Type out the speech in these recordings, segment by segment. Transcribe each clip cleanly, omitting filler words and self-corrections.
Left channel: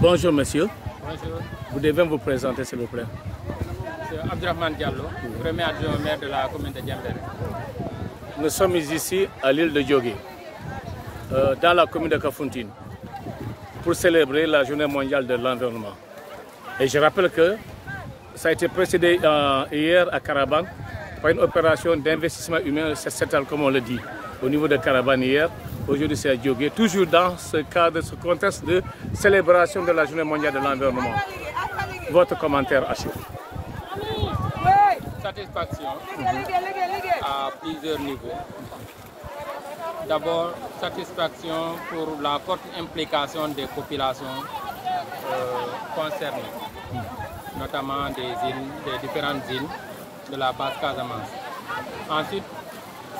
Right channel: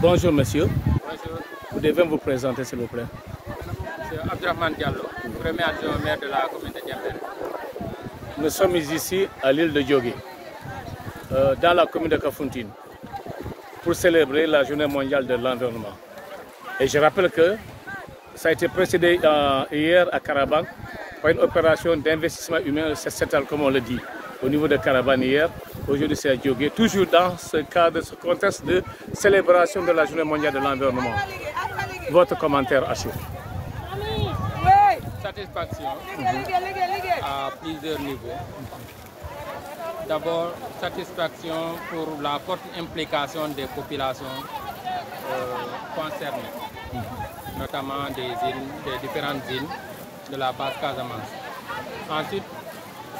Bonjour monsieur. Bonjour. Vous devez vous présenter s'il vous plaît. C'est Abdurrahman Diallo, premier adjoint au maire de la commune de Diembéring. Nous sommes ici à l'île de Diogué, dans la commune de Kafountine, pour célébrer la journée mondiale de l'environnement. Et je rappelle que ça a été précédé hier à Karabane par une opération d'investissement humain sociétal, comme on le dit, au niveau de Karabane hier. Aujourd'hui c'est à Diogué, toujours dans ce cadre, ce contexte de célébration de la journée mondiale de l'environnement. Votre commentaire à chaud. Satisfaction à plusieurs niveaux. D'abord, satisfaction pour la forte implication des populations concernées, notamment des différentes îles de la base Casamance. Ensuite,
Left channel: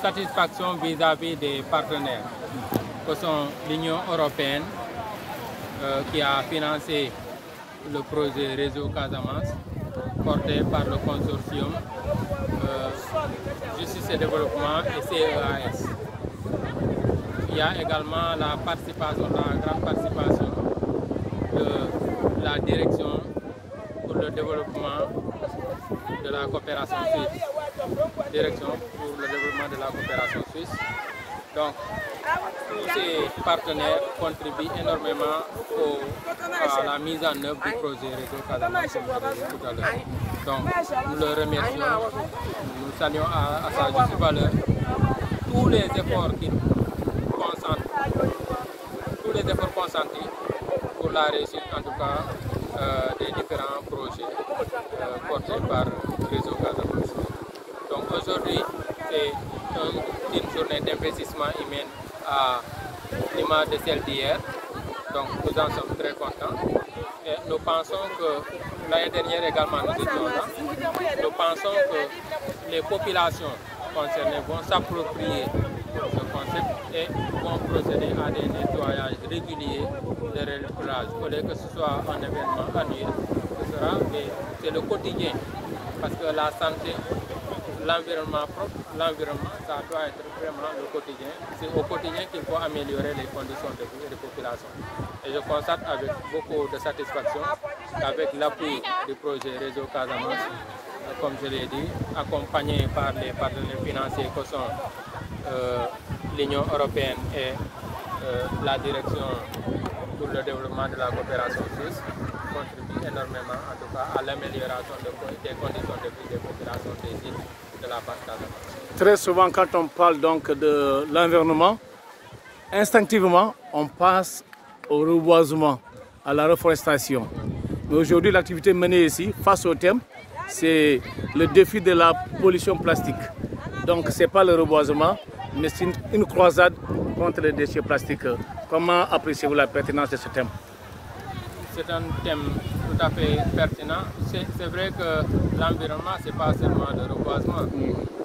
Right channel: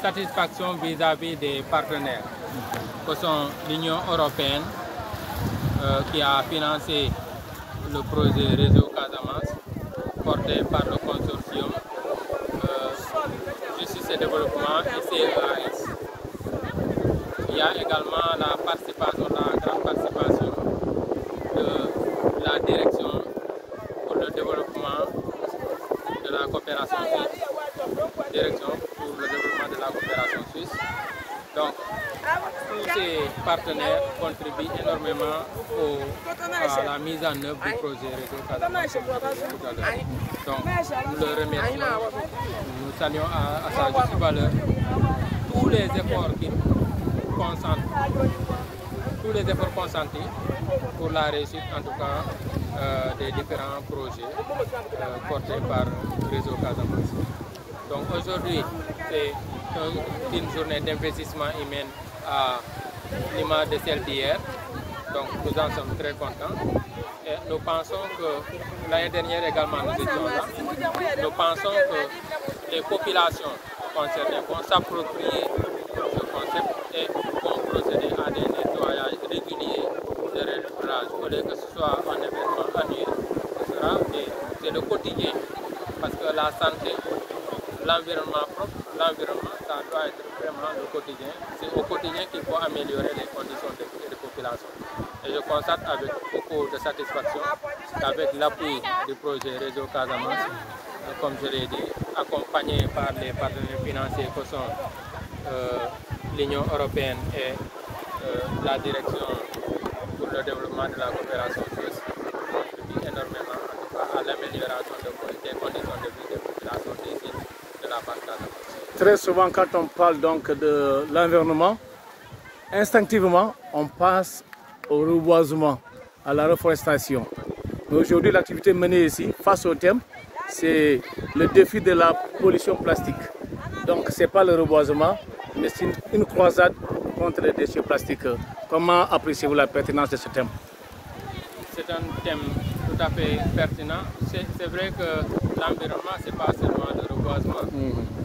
satisfaction vis-à-vis des partenaires, que sont l'Union européenne qui a financé le projet Réseau Casamance, porté par le consortium Justice et Développement et CEAS. Il y a également la participation, la grande participation de la direction pour le développement de la coopération suisse. Direction pour le développement de la coopération suisse. Donc, tous ces partenaires contribuent énormément à la mise en œuvre du projet Réseau Casamance, comme je l'ai dit tout à l'heure. Donc, nous le remercions, nous saluons à sa juste valeur tous les efforts consentis pour la réussite, en tout cas, des différents projets portés par Réseau Casamance. Donc aujourd'hui, c'est une journée d'investissement humain à l'image de celle d'hier. Donc nous en sommes très contents. Et nous pensons que l'année dernière également nous étions là. Nous pensons que les populations concernées vont s'approprier ce concept et vont procéder à des nettoyages réguliers de relèvage. Au lieu que ce soit un événement annuel, ce sera le quotidien. Parce que la santé, l'environnement propre, l'environnement, ça doit être vraiment le quotidien. C'est au quotidien qu'il faut améliorer les conditions de vie et de population. Et je constate avec beaucoup de satisfaction qu'avec l'appui du projet Réseau Casamance, comme je l'ai dit, accompagné par les partenaires financiers que sont l'Union européenne et la direction pour le développement de la coopération suisse, contribue énormément en tout cas, à l'amélioration des conditions de vie des populations des îles de la base Casamance. Très souvent, quand on parle donc de l'environnement, instinctivement, on passe au reboisement, à la reforestation. Mais aujourd'hui, l'activité menée ici, face au thème, c'est le défi de la pollution plastique. Donc, ce n'est pas le reboisement, mais c'est une croisade contre les déchets plastiques. Comment appréciez-vous la pertinence de ce thème? C'est un thème tout à fait pertinent. C'est vrai que l'environnement, ce n'est pas seulement le reboisement,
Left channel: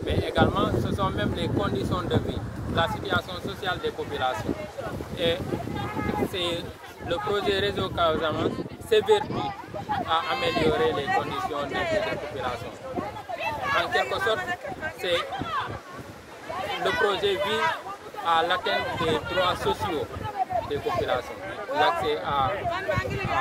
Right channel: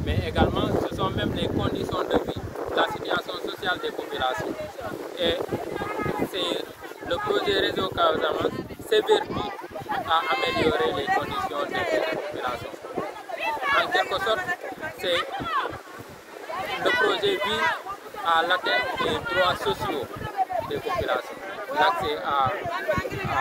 mais également ce sont même les conditions de vie, la situation sociale des populations. Et c'est le projet Réseau Casamance s'évertue à améliorer les conditions de vie des populations. En quelque sorte, le projet vise à l'atteinte des droits sociaux des populations. L'accès à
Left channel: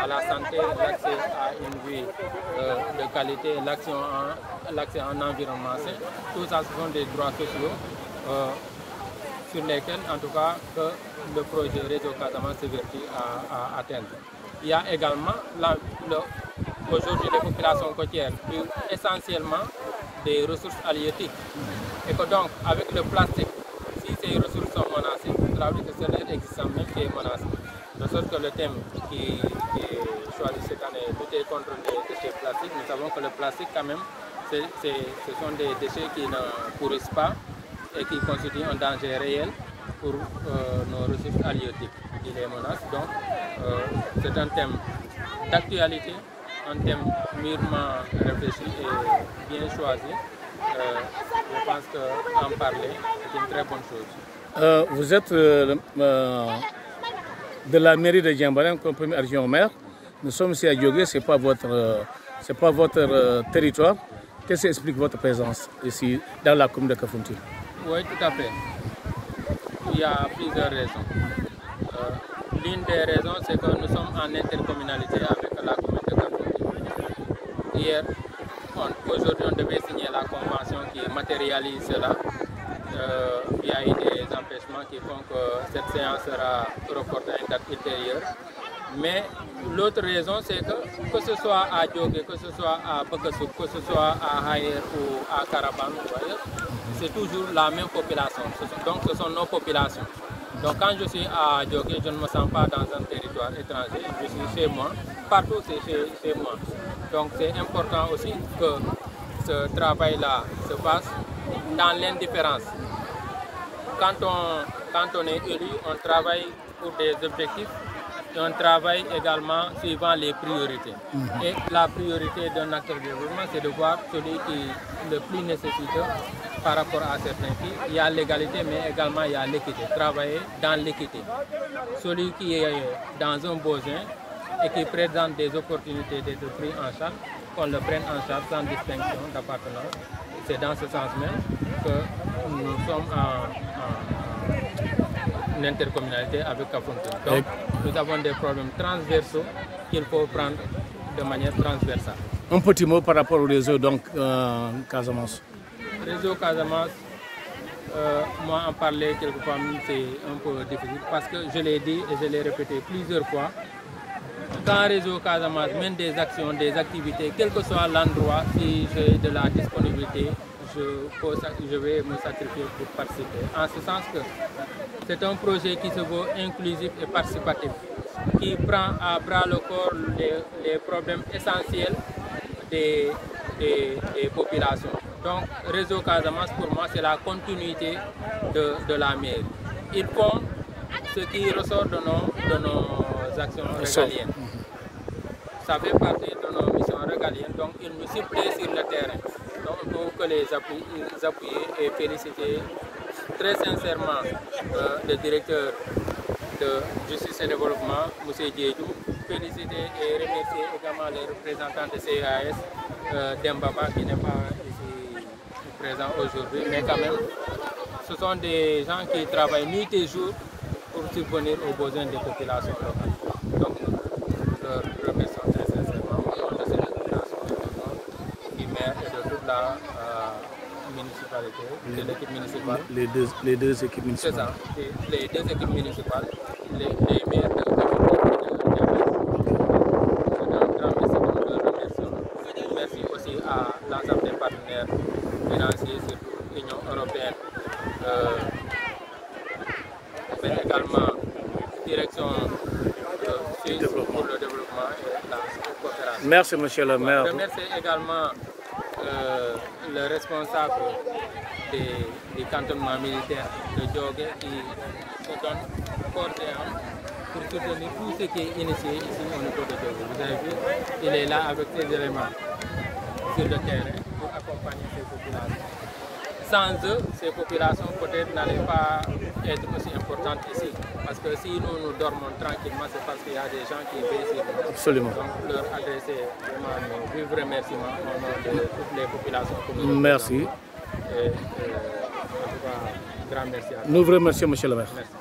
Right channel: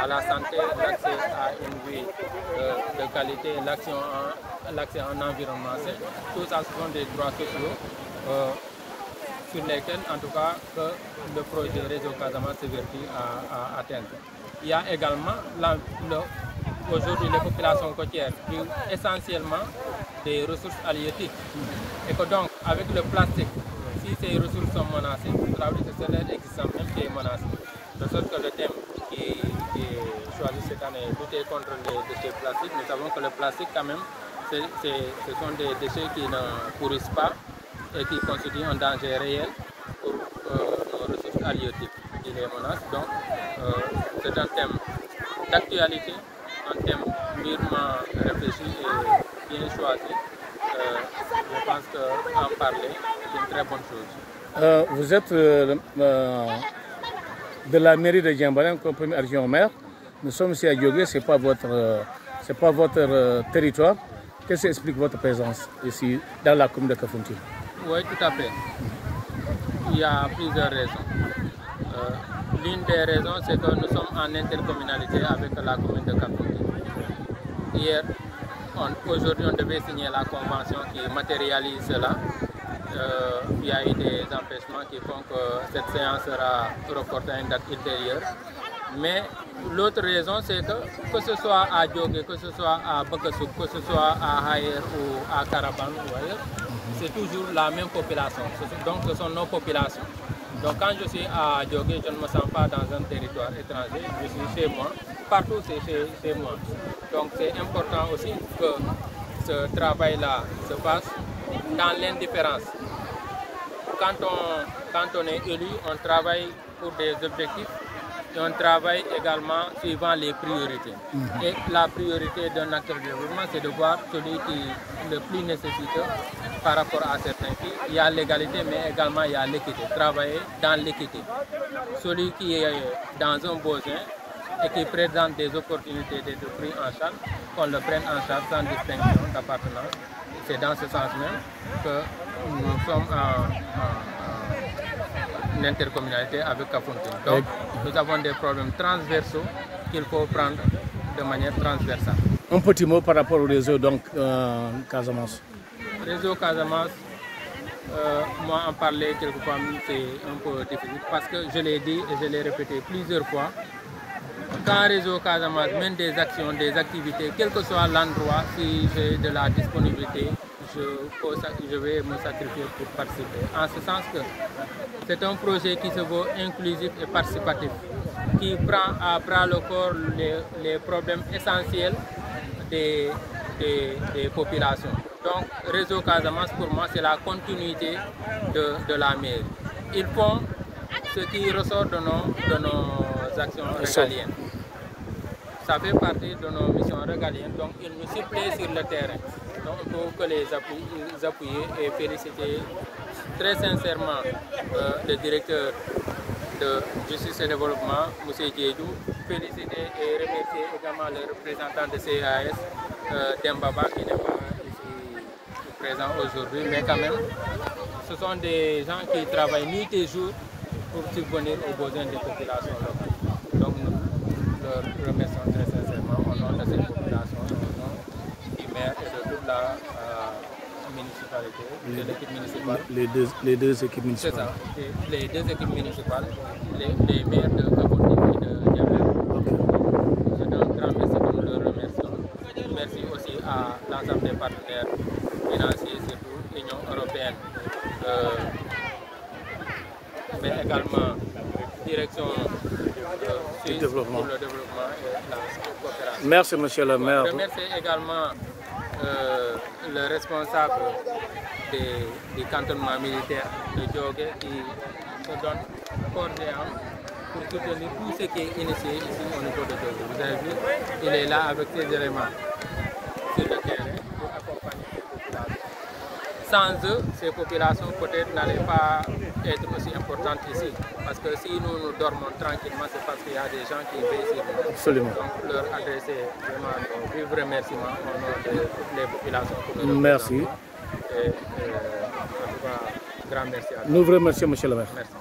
la santé, l'accès à une vie de qualité, l'accès à un environnement sain, tout ça ce sont des droits sociaux sur lesquels, en tout cas, que le projet Réseau Casamance s'évertue à atteindre. Il y a également, aujourd'hui, les populations côtières vivent essentiellement des ressources halieutiques. Et que donc, avec le plastique, si ces ressources sont menacées, cela veut dire que ce n'est existant même qui est menacé. De sorte que le thème qui est choisi cette année, lutter contre les déchets plastiques, nous savons que le plastique, quand même, ce sont des déchets qui ne pourrissent pas et qui constituent un danger réel pour nos ressources halieutiques qui les menacent. Donc, c'est un thème d'actualité, un thème mûrement réfléchi et bien choisi. Je pense qu'en parler est une très bonne chose. Vous êtes de la mairie de Diembéring comme premier adjoint au maire. Nous sommes ici à Diogué, ce n'est pas votre territoire. Qu'est-ce qui explique votre présence ici dans la commune de Kafountine? Oui, tout à fait. Il y a plusieurs raisons. L'une des raisons, c'est que nous sommes en intercommunalité avec la commune de Kafountine. Hier, aujourd'hui, on devait signer la convention qui matérialise cela. Il y a eu des empêchements qui font que cette séance sera reportée à une date ultérieure. Mais l'autre raison, c'est que ce soit à Djogé, que ce soit à Bakasouk, que ce soit à Hayer ou à Karaban ou ailleurs, c'est toujours la même population. Donc ce sont nos populations. Donc quand je suis à Djogé, je ne me sens pas dans un territoire étranger, je suis chez moi. Partout, c'est chez moi. Donc c'est important aussi que ce travail-là se fasse dans l'indifférence. Quand on est élu, on travaille pour des objectifs et on travaille également suivant les priorités. Et la priorité d'un acteur de développement, c'est de voir celui qui est le plus nécessiteux par rapport à certains qui. Il y a l'égalité, mais également il y a l'équité. Travailler dans l'équité. Celui qui est dans un besoin et qui présente des opportunités d'être pris en charge, qu'on le prenne en charge sans distinction d'appartenance. C'est dans ce sens même que nous sommes en intercommunalité avec Kafountine. Donc, nous avons des problèmes transversaux qu'il faut prendre de manière transversale. Un petit mot par rapport au réseau donc Casamance. Réseau Casamance, moi en parler quelquefois c'est un peu difficile parce que je l'ai dit et je l'ai répété plusieurs fois. Quand Réseau Casamance mène des actions, des activités, quel que soit l'endroit, si j'ai de la disponibilité, je vais me sacrifier pour participer. En ce sens que c'est un projet qui se veut inclusif et participatif, qui prend à bras le corps les problèmes essentiels des populations. Donc, Réseau Casamance, pour moi, c'est la continuité de la mairie. Ils font ce qui ressort de nos actions régaliennes. Ça fait partie de nos missions régaliennes, donc ils nous suppléent sur le terrain. Donc il faut que les appuyer et féliciter très sincèrement le directeur de Justice et Développement, M. Diédou, féliciter et remercier également les représentants de CAS, Dembaba qui n'est pas ici présent aujourd'hui, mais quand même, ce sont des gens qui travaillent nuit et jour pour subvenir aux besoins des populations locales. Donc nous le remercions très sincèrement au nom de cette population, du maire et de toute la municipalité, de l'équipe municipale. Les deux équipes municipales. C'est ça, les deux équipes municipales, les maires de Kafountine et de Diamé. Un grand merci pour le remerciement. Merci aussi à l'ensemble des partenaires financiers, surtout l'Union européenne, mais également direction suisse pour le développement et la coopération. Merci, monsieur le maire. Je remercie également le responsable du cantonnement militaire de Djogé qui se donne corps et âme pour soutenir tout ce qui est initié ici au niveau de Djogé. Vous avez vu, il est là avec ses éléments sur le terrain pour accompagner ces populations. Sans eux, ces populations peut-être n'allaient pas être aussi importantes ici. Parce que si nous dormons tranquillement, c'est parce qu'il y a des gens qui veillent sur nous. Absolument. Donc leur adresser vraiment nos vifs remerciements au nom de toutes les populations que nous Merci. Et, en tout cas, grand merci à vous. Nous vous remercions, monsieur le maire. Merci.